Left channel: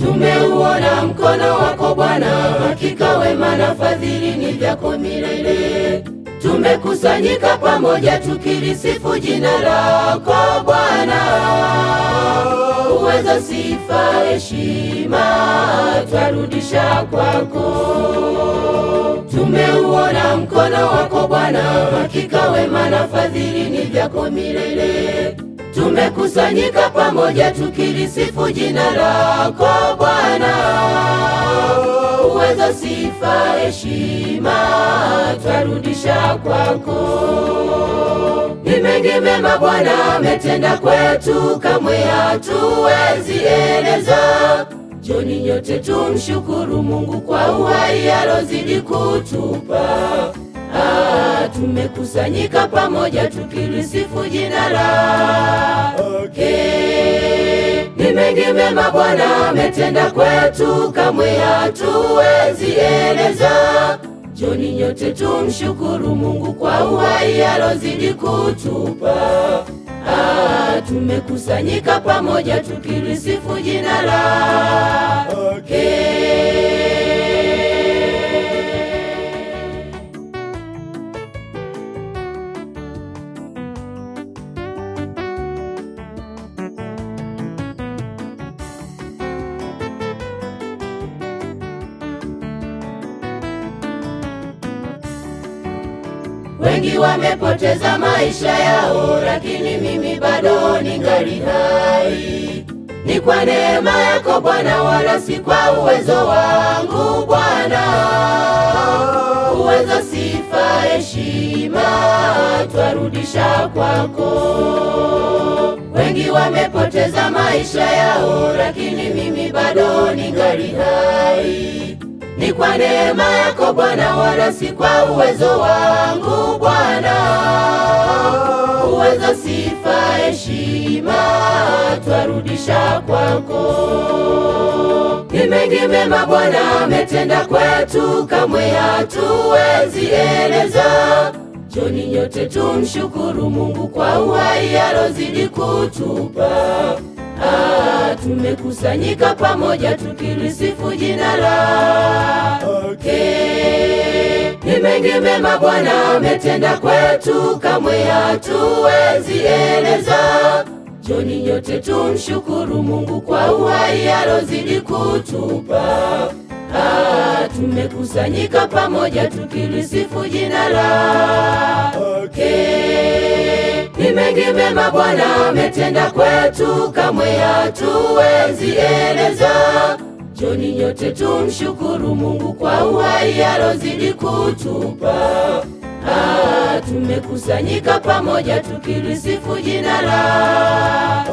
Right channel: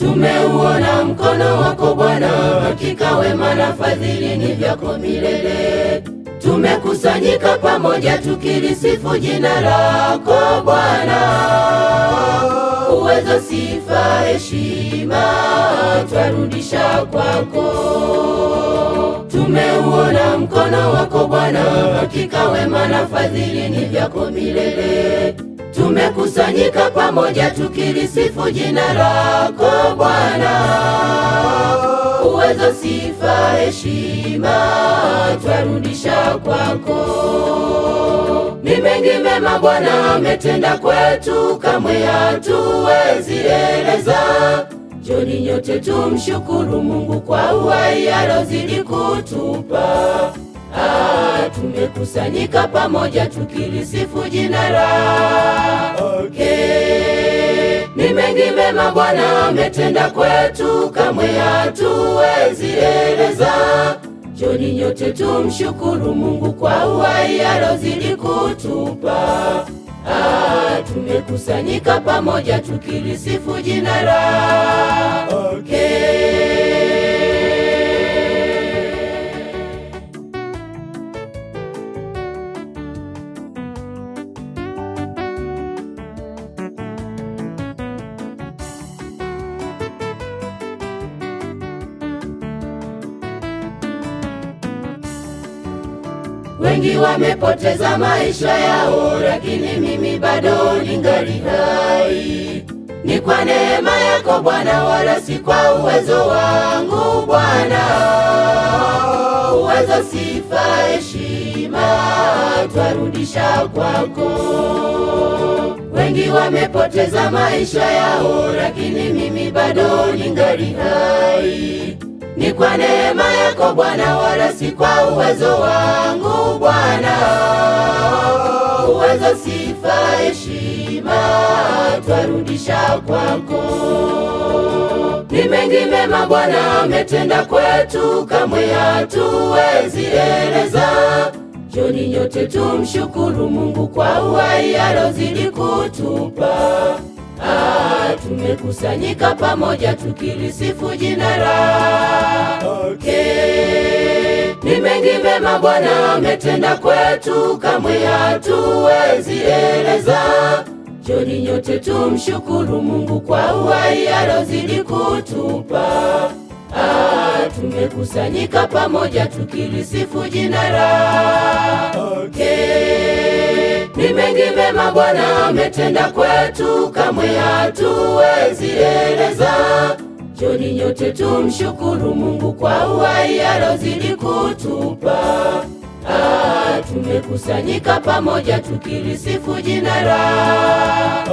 Tumeuona mkono wako Bwana, hakika wema na fadhili ni vyako milele. Tumekusanyika pamoja tukilisifu jina lako Bwana. Uwezo, sifa, heshima twarudisha kwako. Tumeuona mkono wako Bwana, hakika wema na fadhili ni vyako milele. Tumekusanyika pamoja tukilisifu jina lako Bwana. Uwezo, sifa, heshima twarudisha kwako. Ni mengi mema Bwana ametenda kwetu, kamwe hatuwezi eleza. Njoni nyote tumshukuru Mungu kwa uhai alozidi kutupa. Tumekusanyika pamoja tukilisifu jina lake. Ni mengi mema Bwana ametenda kwetu, kamwe hatuwezi eleza. Njoni nyote tumshukuru Mungu kwa uhai alozidi kutupa. Tumekusanyika pamoja tukilisifu jina lake. Wengi wamepoteza maisha yao, lakini mimi bado ningali hai. Ni kwa neema yako Bwana, wala si kwa uwezo wangu Bwana. Uwezo, sifa, heshima twarudisha kwako. Wengi wamepoteza maisha yao, lakini mimi bado ningali hai. Ni kwa neema yako Bwana, wala si kwa uwezo wangu Bwana. Uwezo, sifa, heshima twarudisha kwako. Ni mengi mema Bwana ametenda kwetu, kamwe hatuwezi eleza. Njoni nyote tumshukuru Mungu kwa uhai alozidi kutupa. Tumekusanyika pamoja tukilisifu jina lake. Ni mengi mema Bwana ametenda kwetu, kamwe hatuwezi eleza. Njoni nyote tumshukuru Mungu kwa uhai alozidi kutupa. Tumekusanyika pamoja tukilisifu jina lake. Ni mengi mema Bwana ametenda kwetu, kamwe hatuwezi eleza. Njoni nyote tumshukuru Mungu kwa uhai alozidi kutupa. Tumekusanyika pamoja tukilisifu jina lake.